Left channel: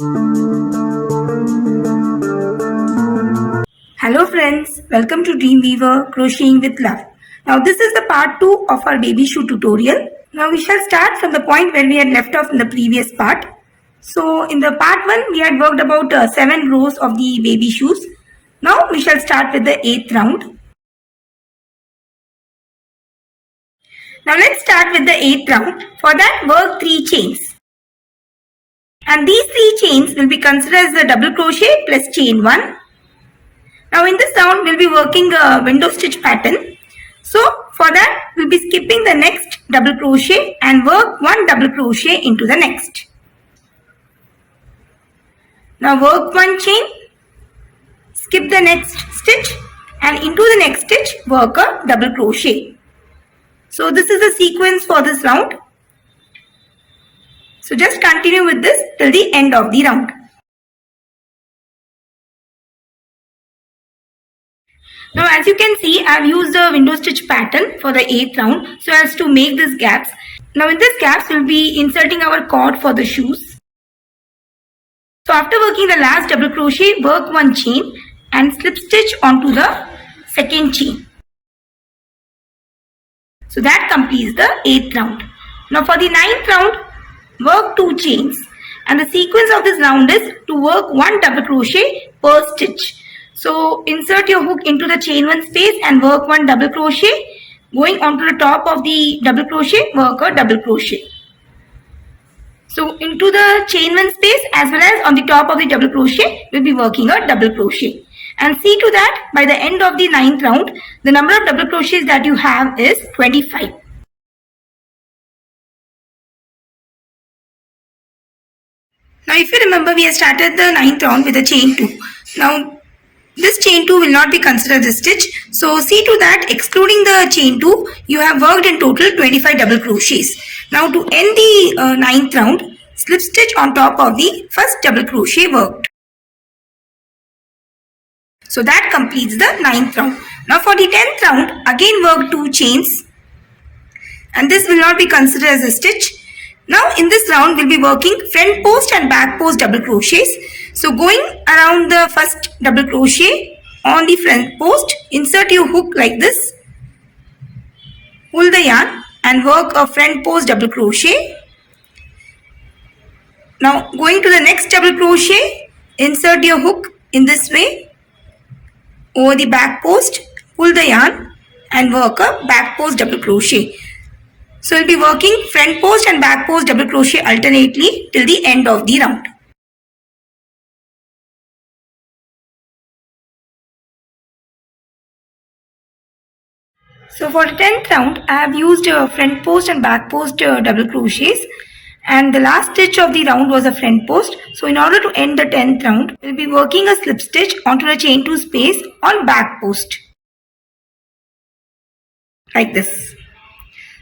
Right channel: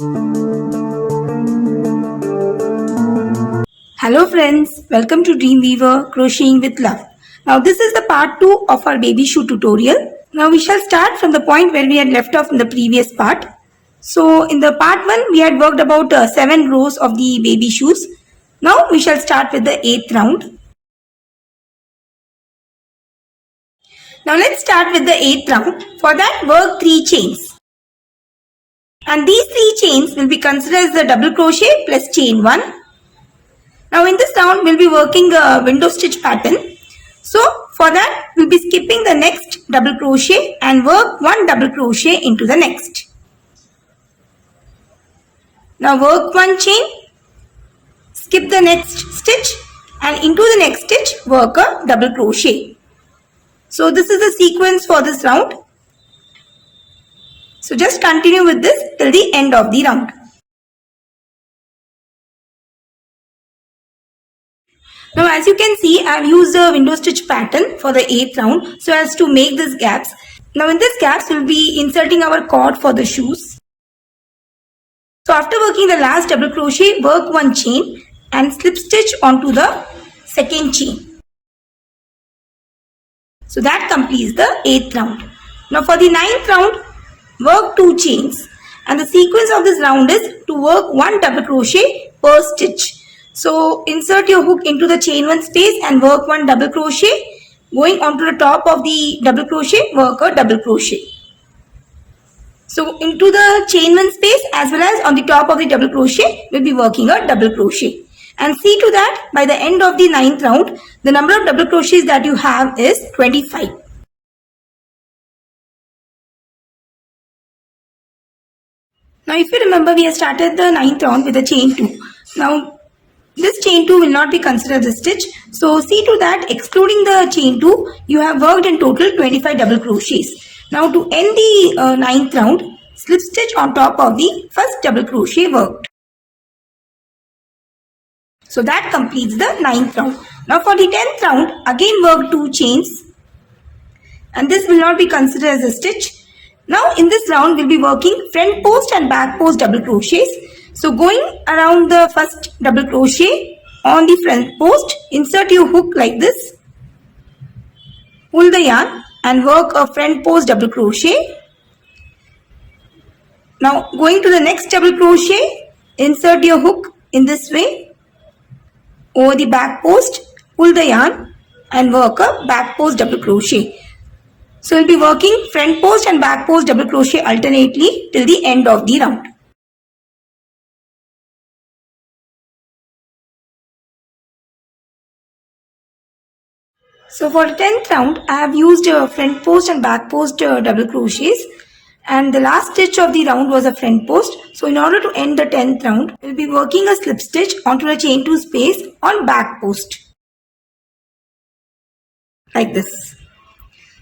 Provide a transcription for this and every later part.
Hello friends, welcome to Dreamweaver Crocheting with Love. Now this is the part 2 of our baby shoe tutorial. Now we shall start from the point where we had left off in the previous part. So in the part 1 we had worked about 7 rows of the baby shoes. Now we shall start with the 8th round. Now let's start with the 8th round. For that work 3 chains. And these 3 chains will be considered as the double crochet plus chain 1. Now in this round we'll be working a window stitch pattern. So for that we'll be skipping the next double crochet and work 1 double crochet into the next. Now work 1 chain, skip the next stitch and into the next stitch work a double crochet. So this is the sequence for this round. So just continue with this till the end of the round. Now as you can see, I have used a window stitch pattern for the 8th round so as to make these gaps. Now in these gaps, we will be inserting our cord for the shoes. So after working the last double crochet, work 1 chain and slip stitch onto the second chain. So that completes the 8th round. Now for the 9th round, work 2 chains and the sequence of this round is to work 1 double crochet per stitch. So insert your hook into the chain 1 space and work 1 double crochet. Going onto the top of the double crochet, work a double crochet. So into the chain 1 space as well as on the top of the double crochet, we'll be working a double crochet. And see to that by the end of the 9th round, the number of double crochets that you have is 25. Now if you remember, we have started the 9th round with a chain 2. Now this chain 2 will not be considered a stitch. So see to that, excluding the chain 2, you have worked in total 25 double crochets. Now to end the 9th round, slip stitch on top of the first double crochet worked. So that completes the 9th round. Now for the 10th round, again work 2 chains. And this will not be considered as a stitch. Now in this round, we'll be working front post and back post double crochets. So going around the first double crochet on the front post, insert your hook like this, pull the yarn and work a front post double crochet. Now going to the next double crochet, insert your hook in this way over the back post, pull the yarn and work a back post double crochet. So we'll be working front post and back post double crochet alternately till the end of the round. So for the 10th round, I have used front post and back post double crochets, and the last stitch of the round was a front post. So in order to end the 10th round, we'll be working a slip stitch onto the chain 2 space on back post like this.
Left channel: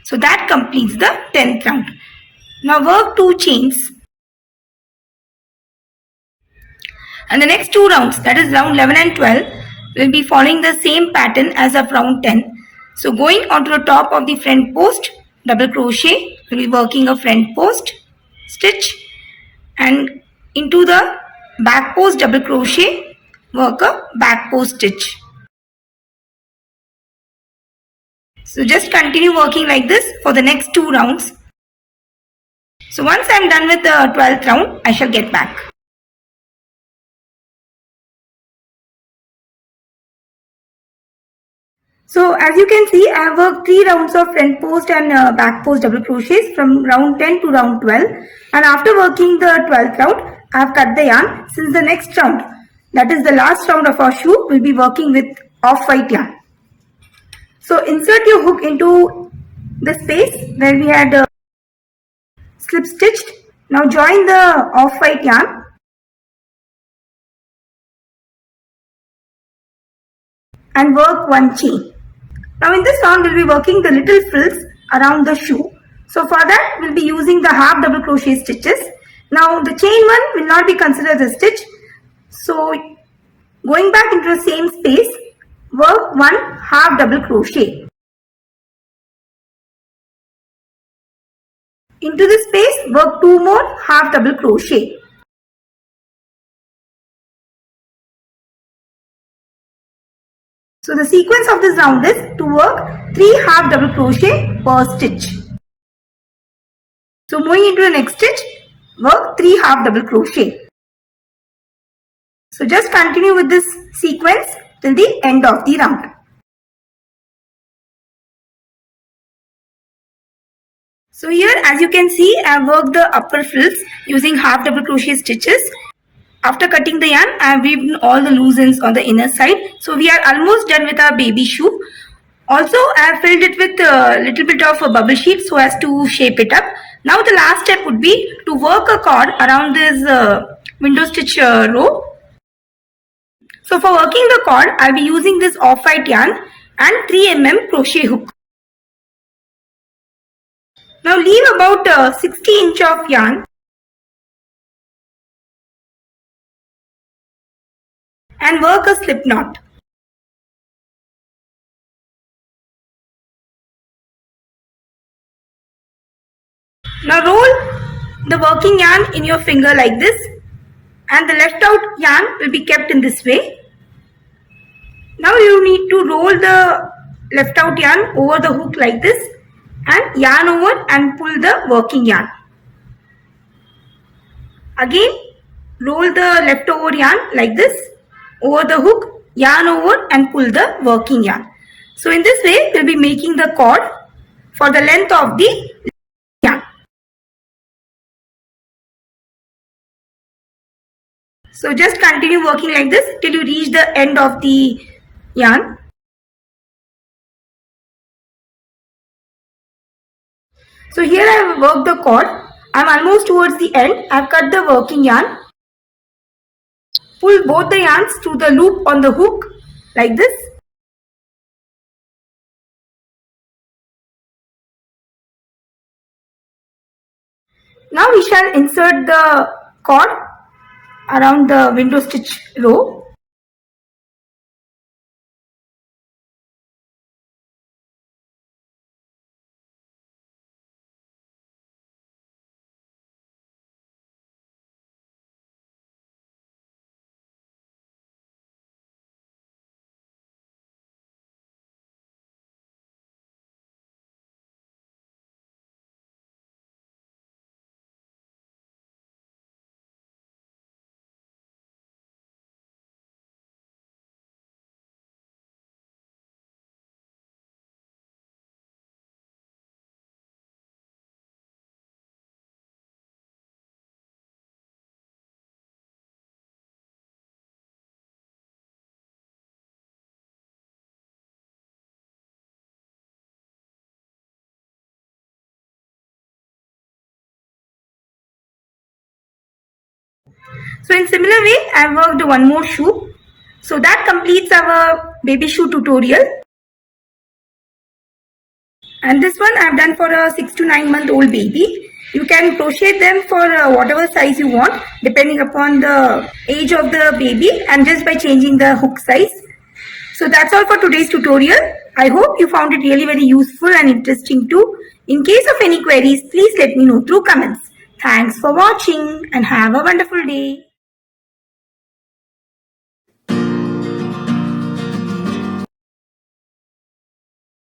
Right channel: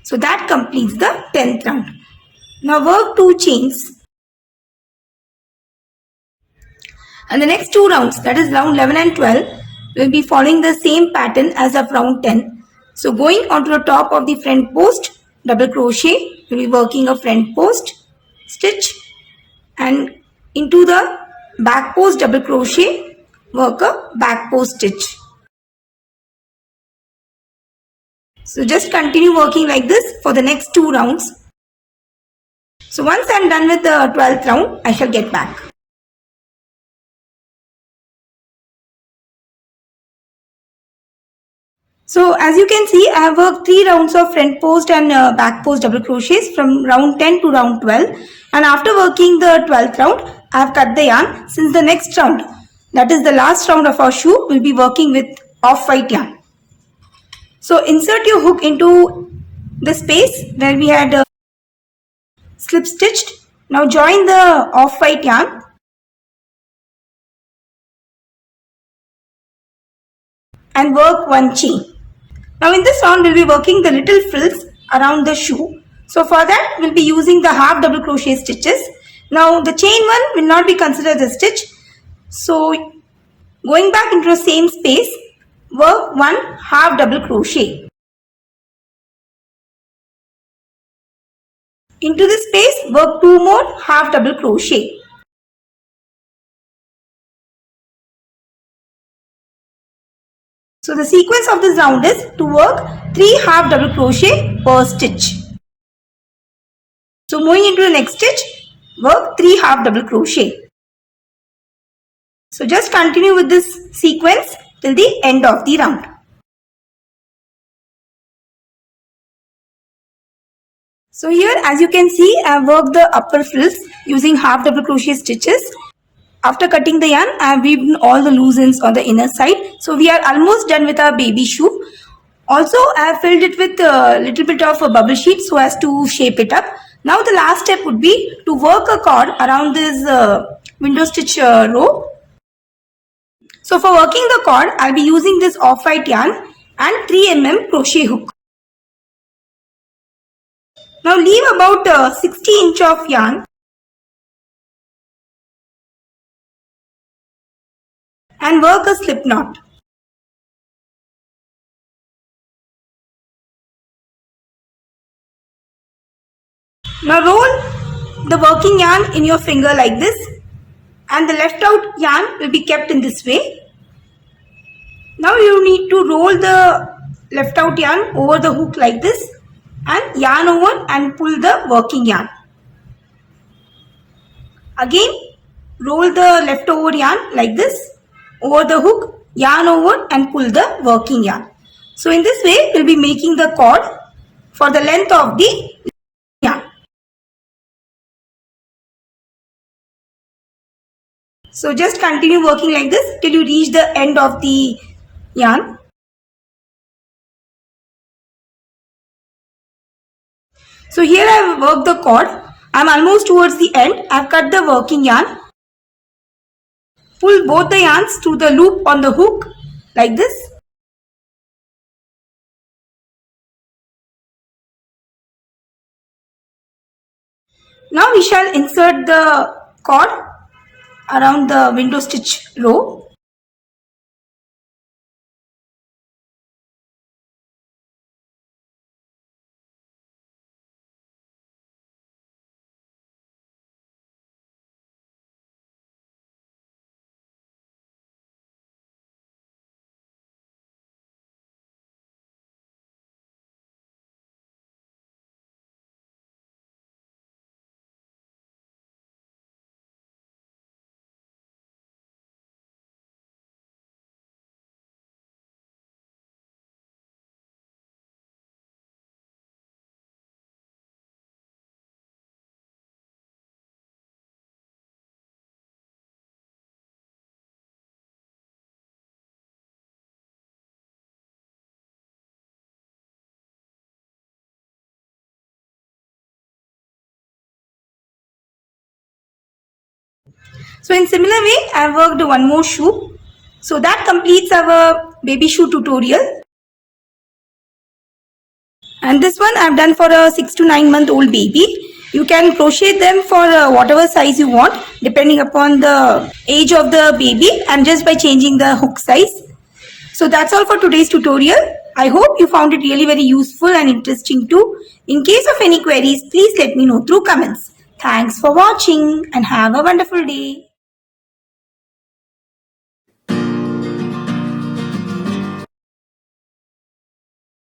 So that completes the 10th round. Now work 2 chains. And the next 2 rounds, that is round 11 and 12, will be following the same pattern as of round 10. So going onto the top of the front post, double crochet, we'll be working a front post stitch and into the back post double crochet, work a back post stitch. So just continue working like this for the next 2 rounds. So once I'm done with the 12th round, I shall get back. So as you can see, I have worked 3 rounds of front post and back post double crochets from round 10 to round 12. And after working the 12th round, I have cut the yarn since the next round, that is the last round of our shoe, will be working with off-white yarn. So insert your hook into the space where we had slip stitched. Now join the off-white yarn and work 1 chain. Now in this round, we'll be working the little frills around the shoe. So for that, we'll be using the half double crochet stitches. Now the chain 1 will not be considered a stitch. So going back into the same space, work 1 half double crochet. Into this space, work 2 more half double crochet. So the sequence of this round is to work 3 half double crochet per stitch. So moving into the next stitch, work 3 half double crochet. So just continue with this sequence till the end of the round. So here, as you can see, I have worked the upper frills using half double crochet stitches. After cutting the yarn, I have weaved all the loose ends on the inner side. So we are almost done with our baby shoe. Also, I have filled it with a little bit of a bubble sheet so as to shape it up. Now the last step would be to work a cord around this window stitch row. So for working the cord, I'll be using this off-white yarn and 3 mm crochet hook. Now leave about 60 inch of yarn and work a slip knot. Now roll the working yarn in your finger like this, and the left out yarn will be kept in this way. Now you need to roll the left out yarn over the hook like this and yarn over and pull the working yarn. Again roll the leftover yarn like this over the hook, yarn over and pull the working yarn. So in this way we'll be making the cord for the length of the yarn. So just continue working like this till you reach the end of the yarn. So here I have worked the cord. I am almost towards the end. I have cut the working yarn. Pull both the yarns to the loop on the hook like this. Now we shall insert the cord around the window stitch row. So in similar way, I have worked one more shoe. So that completes our baby shoe tutorial. And this one I have done for a 6 to 9 month old baby. You can crochet them for whatever size you want depending upon the age of the baby and just by changing the hook size. So that's all for today's tutorial. I hope you found it really very useful and interesting too. In case of any queries, please let me know through comments. Thanks for watching and have a wonderful day.